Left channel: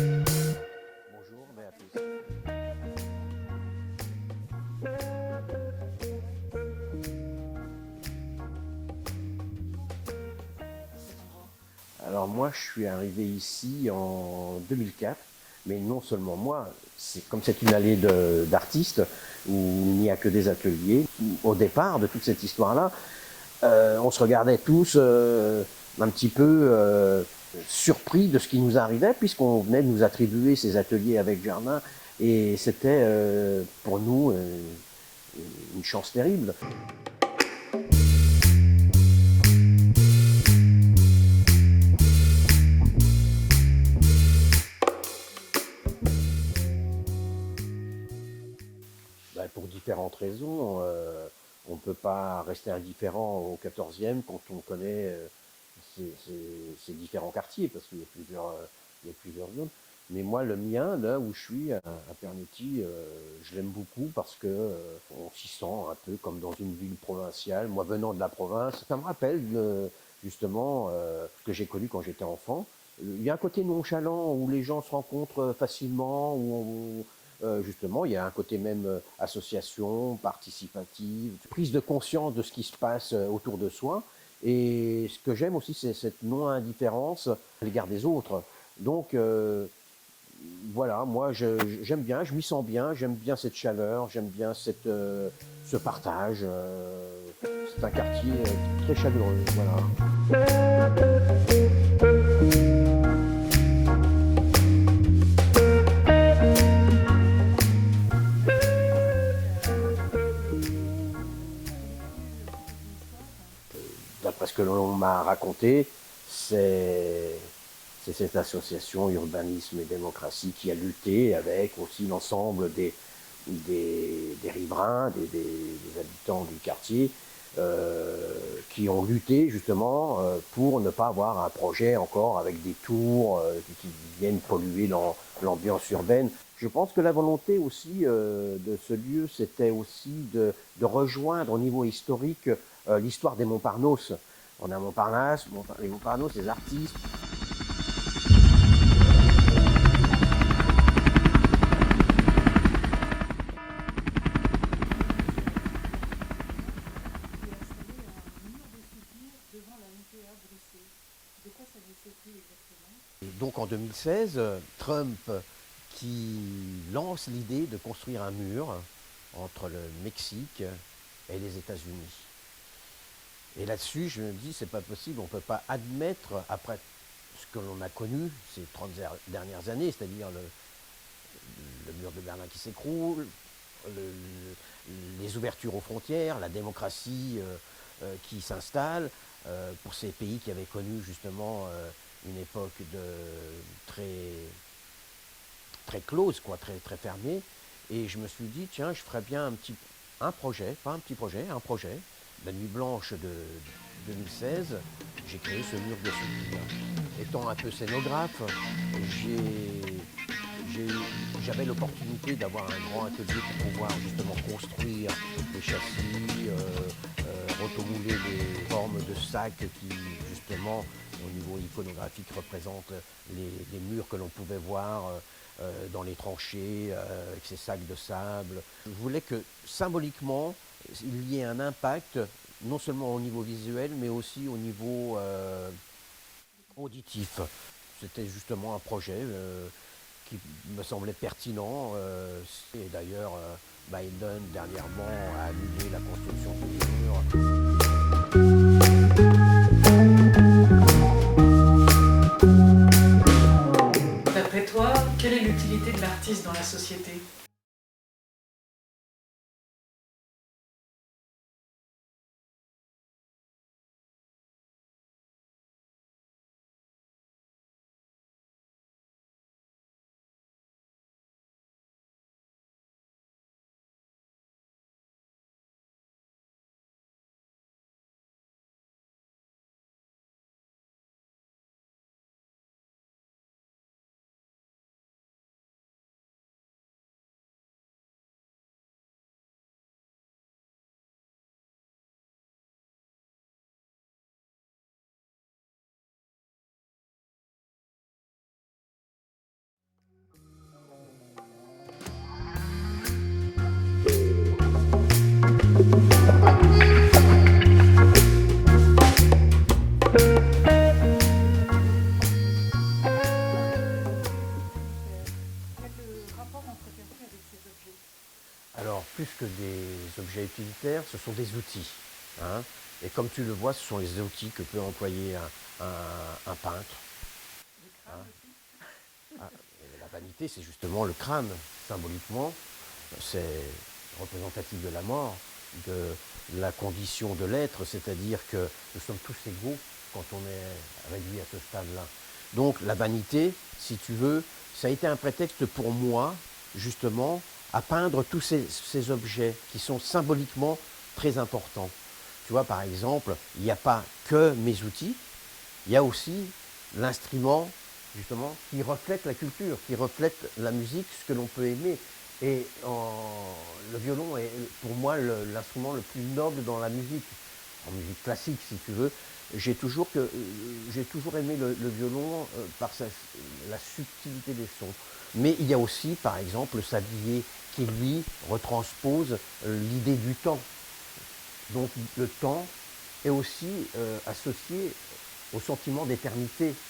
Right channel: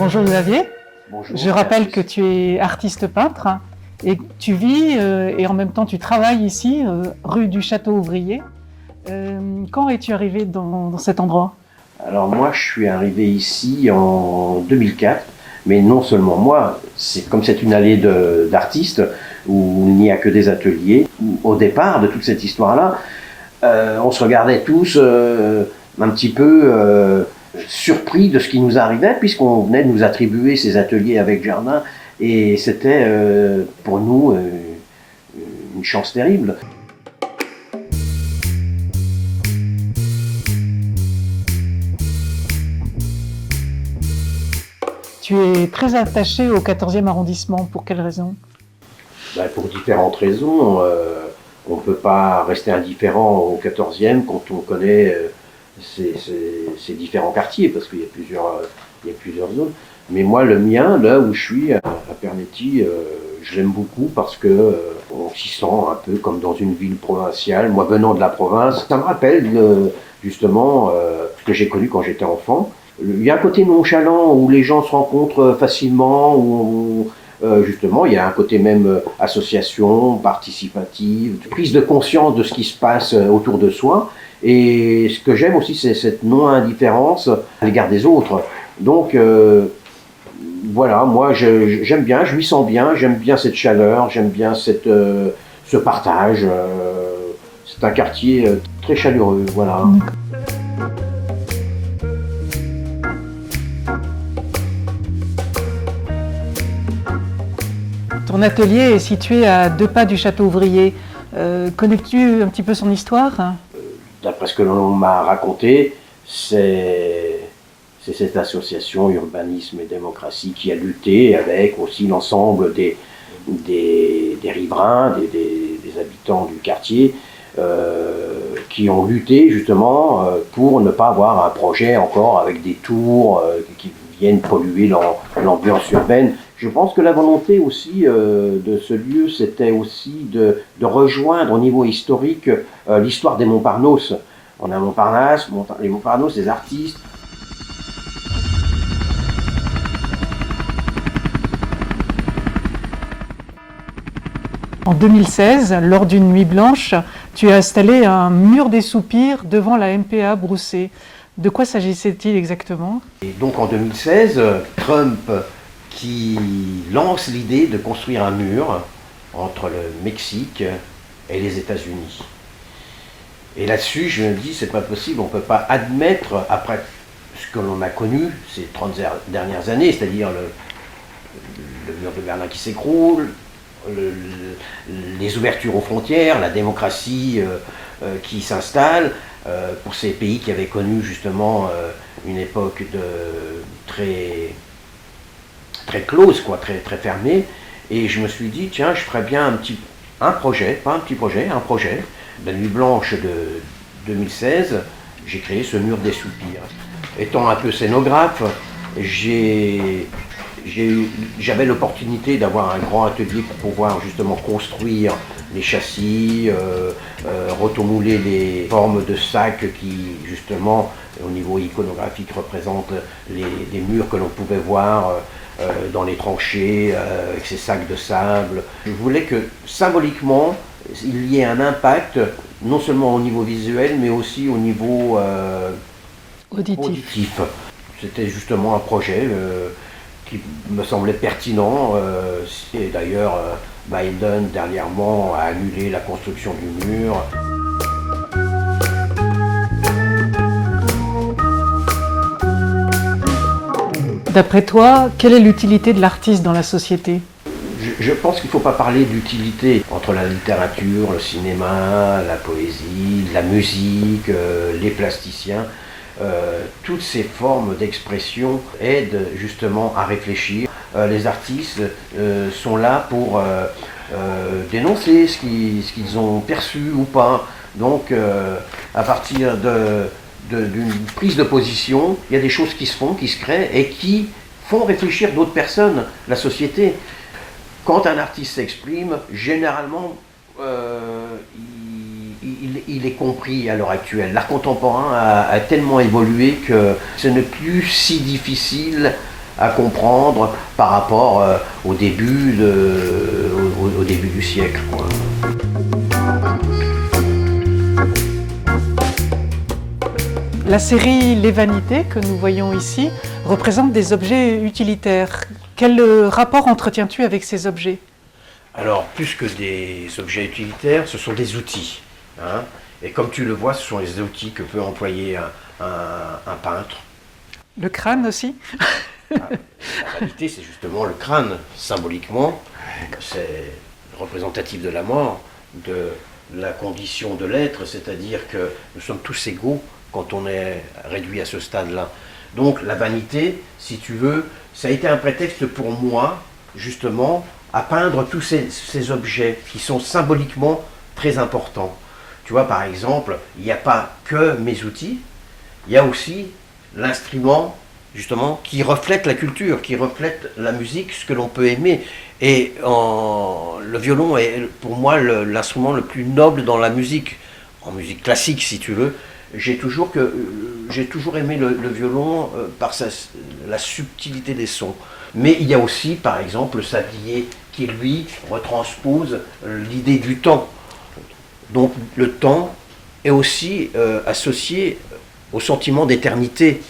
Bonjour Xavier, Bonjour, je rappelle merci. que tu es artiste peintre et que tu vis et en même temps tu travailles ici, rue du Château Ouvrier. Quand es-tu arrivé dans cet endroit? Alors moi, je suis arrivé ici en 2004, mais non seulement moi, comme c'est une allée d'artistes où il n'y a que des ateliers. Au départ de toute cette histoire-là, on se regardait tous un petit peu surpris de ce qui nous arrivait, puisqu'on venait de nous attribuer ces ateliers avec jardin, et c'était pour nous une chance terrible. Tu es très attaché au 14e arrondissement, pour quelle raison? Ben, pour différentes raisons. On ne peut pas rester indifférent au 14e quand on connaît ces différents quartiers, parce qu'il y a plusieurs zones. Mais moi, le mien, là où je suis, à Pernetti, je l'aime beaucoup parce que on s'y sent un peu comme dans une ville provinciale. Moi, venant de la province, ça me rappelle justement ce que j'ai connu quand j'étais enfant. Il y a un côté nonchalant où les gens se rencontrent facilement, justement, il y a un côté même association, participative, prise de conscience de ce qui se passe autour de soi. Et ce que j'aime aussi, c'est cette non-indifférence à l'égard des autres. Donc, voilà, moi, j'aime bien, je m'y sens bien, j'aime bien cette chaleur, j'aime bien ce partage. C'est un quartier très chaleureux, voilà. Ton atelier est situé à 2 pas du Château Ouvrier. Connais-tu un petit peu son histoire? D'après ce que l'on m'a raconté, c'est cette association Urbanisme et Démocratie qui a lutté avec aussi l'ensemble des riverains, des habitants du quartier, qui ont lutté justement pour ne pas avoir un projet encore avec des tours qui viennent polluer l'ambiance urbaine. Je pense que la volonté aussi de ce lieu, c'était aussi de rejoindre au niveau historique l'histoire des Montparnasse. On a Montparnasse, les Montparnasse, des artistes. En 2016, lors d'une nuit blanche, tu as installé un mur des soupirs devant la MPA Broussais. De quoi s'agissait-il exactement? Et donc en 2016, Trump qui lance l'idée de construire un mur entre le Mexique et les États-Unis. Et là-dessus, je me dis, c'est pas possible, on ne peut pas admettre, après ce que l'on a connu ces 30 dernières années, c'est-à-dire le mur de Berlin qui s'écroule, les ouvertures aux frontières, la démocratie qui s'installe, pour ces pays qui avaient connu justement une époque très, très close, quoi, très, très fermée. Et je me suis dit, tiens, je ferais bien un projet, pas un petit projet, un projet. La nuit blanche de 2016, j'ai créé ce mur des soupirs. Étant un peu scénographe, j'avais l'opportunité d'avoir un grand atelier pour pouvoir justement construire les châssis, rotomouler les formes de sacs qui justement au niveau iconographique représentent les murs que l'on pouvait voir dans les tranchées avec ces sacs de sable. Je voulais que symboliquement il y ait un impact non seulement au niveau visuel mais aussi au niveau auditif. C'était justement un projet qui me semblait pertinent. Et d'ailleurs, Biden dernièrement a annulé la construction du mur. D'après toi, quelle est l'utilité de l'artiste dans la société? Je pense qu'il ne faut pas parler d'utilité entre la littérature, le cinéma, la poésie, la musique, les plasticiens. Toutes ces formes d'expression aident justement à réfléchir. Les artistes sont là pour dénoncer ce qu'ils ont perçu ou pas. Donc à partir d'une prise de position, il y a des choses qui se font, qui se créent et qui font réfléchir d'autres personnes, la société. Quand un artiste s'exprime, généralement, il est compris à l'heure actuelle. L'art contemporain a tellement évolué que ce n'est plus si difficile à comprendre par rapport au début du siècle, quoi. La série Les Vanités que nous voyons ici représente des objets utilitaires. Quel rapport entretiens-tu avec ces objets? Alors, plus que des objets utilitaires, ce sont des outils, hein. Et comme tu le vois, ce sont les outils que peut employer un peintre. Le crâne aussi? La vanité, c'est justement le crâne, symboliquement. C'est représentatif de la mort, de la condition de l'être, c'est-à-dire que nous sommes tous égaux quand on est réduit à ce stade-là. Donc la vanité, si tu veux, ça a été un prétexte pour moi, justement, à peindre tous ces objets qui sont symboliquement très importants. Tu vois, par exemple, il n'y a pas que mes outils, il y a aussi l'instrument, justement, qui reflète la culture, qui reflète la musique, ce que l'on peut aimer. Et le violon est pour moi l'instrument le plus noble dans la musique, en musique classique si tu veux. J'ai toujours aimé le violon par la subtilité des sons. Mais il y a aussi, par exemple, le sablier qui, lui, retranspose l'idée du temps. Donc le temps est aussi associé au sentiment d'éternité.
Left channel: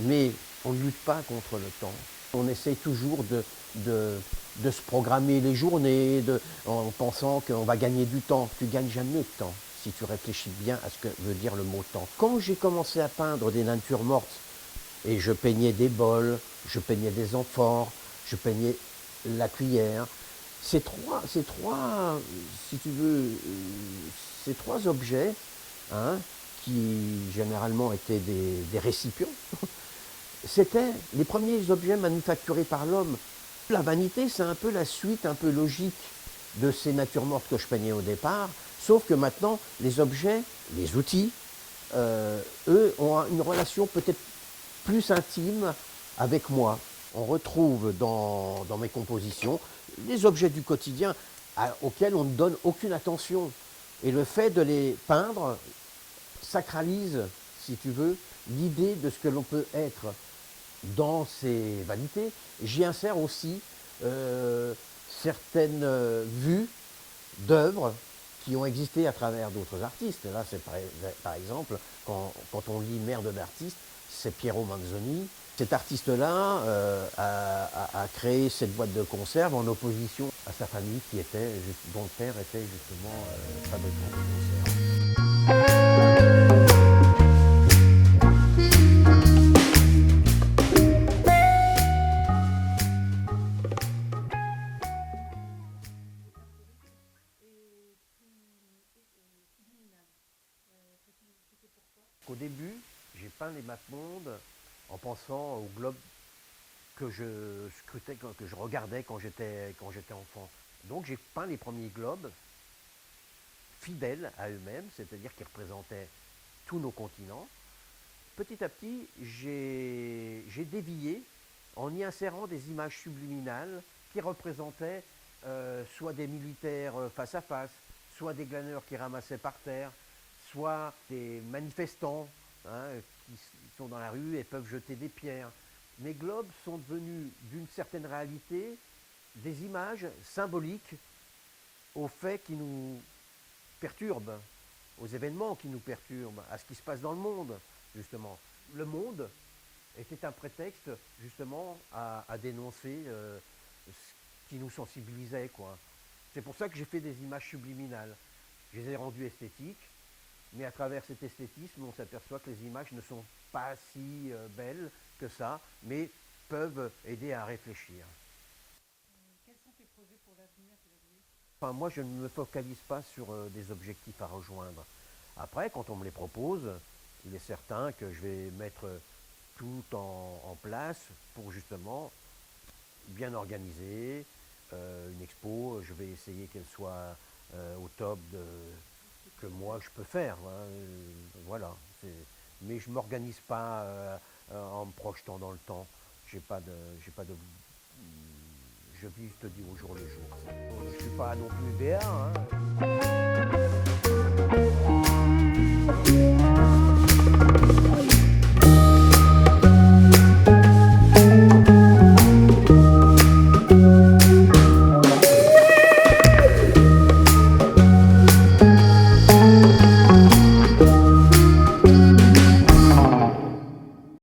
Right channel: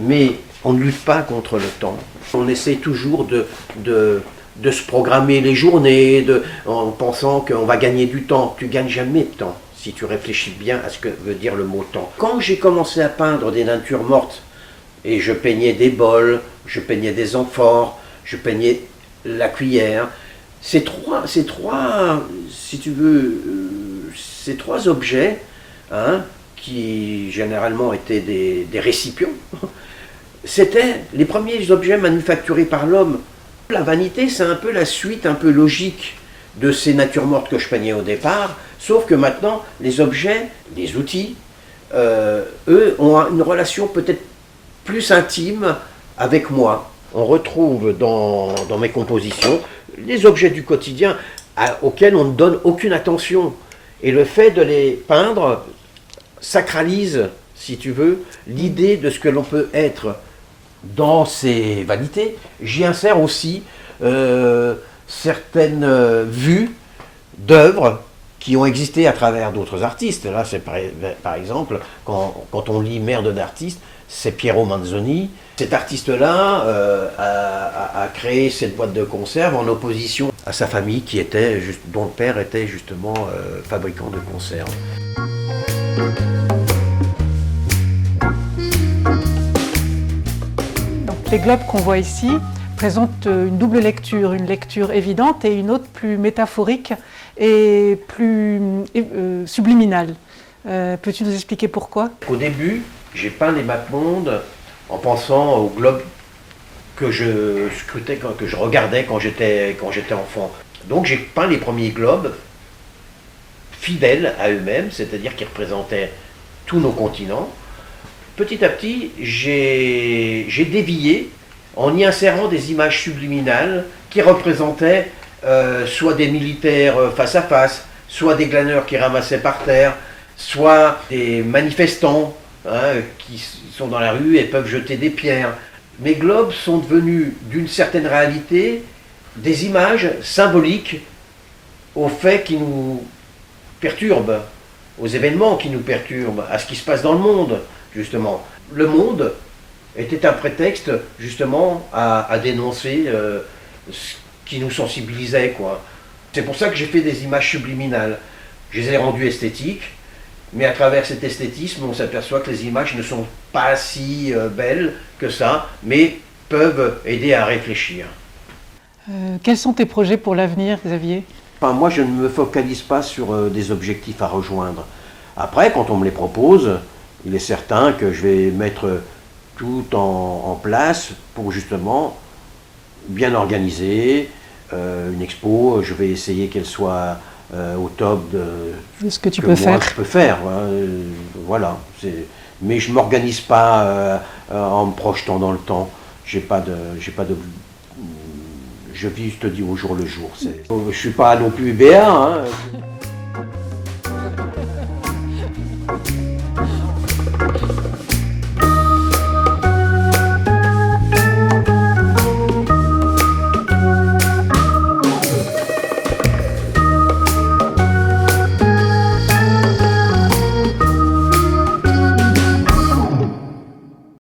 Mais on ne lutte pas contre le temps. On essaie toujours de se programmer les journées en pensant qu'on va gagner du temps. Tu ne gagnes jamais de temps si tu réfléchis bien à ce que veut dire le mot temps. Quand j'ai commencé à peindre des natures mortes, et je peignais des bols, je peignais des amphores, je peignais la cuillère, ces trois si tu veux, ces trois objets, hein, qui généralement étaient des récipients, c'était les premiers objets manufacturés par l'homme. La vanité, c'est un peu la suite un peu logique de ces natures mortes que je peignais au départ, sauf que maintenant, les objets, les outils, eux, ont une relation peut-être plus intime avec moi. On retrouve dans mes compositions les objets du quotidien auxquels on ne donne aucune attention. Et le fait de les peindre sacralise, si tu veux, l'idée de ce que l'on peut être. Dans ces vanités, j'y insère aussi certaines vues d'œuvres qui ont existé à travers d'autres artistes. Là, c'est par exemple, quand on lit Merde d'artiste, c'est Piero Manzoni. Cet artiste-là a créé cette boîte de conserve en opposition à sa famille dont le père était justement fabricant de conserves. Les globes qu'on voit ici présentent une double lecture, une lecture évidente et une autre plus métaphorique et plus subliminale. Peux-tu nous expliquer pourquoi? Au début, j'ai peint les mappemondes en pensant aux globes que je scrutais, que je regardais quand j'étais enfant. Donc j'ai peint les premiers globes fidèles à eux-mêmes, c'est-à-dire qui représentaient tous nos continents. Petit à petit, j'ai dévié en y insérant des images subliminales qui représentaient soit des militaires face à face, soit des glaneurs qui ramassaient par terre, soit des manifestants, hein, qui sont dans la rue et peuvent jeter des pierres. Mes globes sont devenus, d'une certaine réalité, des images symboliques aux faits qui nous perturbent, aux événements qui nous perturbent, à ce qui se passe dans le monde. Justement, le monde était un prétexte justement à dénoncer ce qui nous sensibilisait, quoi. C'est pour ça que j'ai fait des images subliminales. Je les ai rendues esthétiques, mais à travers cet esthétisme, on s'aperçoit que les images ne sont pas si belles que ça, mais peuvent aider à réfléchir. Quels sont tes projets pour l'avenir, Xavier? Enfin, moi, je ne me focalise pas sur des objectifs à rejoindre. Après, quand on me les propose, il est certain que je vais mettre tout en place pour justement bien organiser une expo. Je vais essayer qu'elle soit au top de Ce que tu que peux moi faire. je peux faire. Hein. Voilà. Mais je ne m'organise pas en me projetant dans le temps. J'ai pas de, je vis, je te dis, au jour le jour. Je ne suis pas non plus béat. Hein.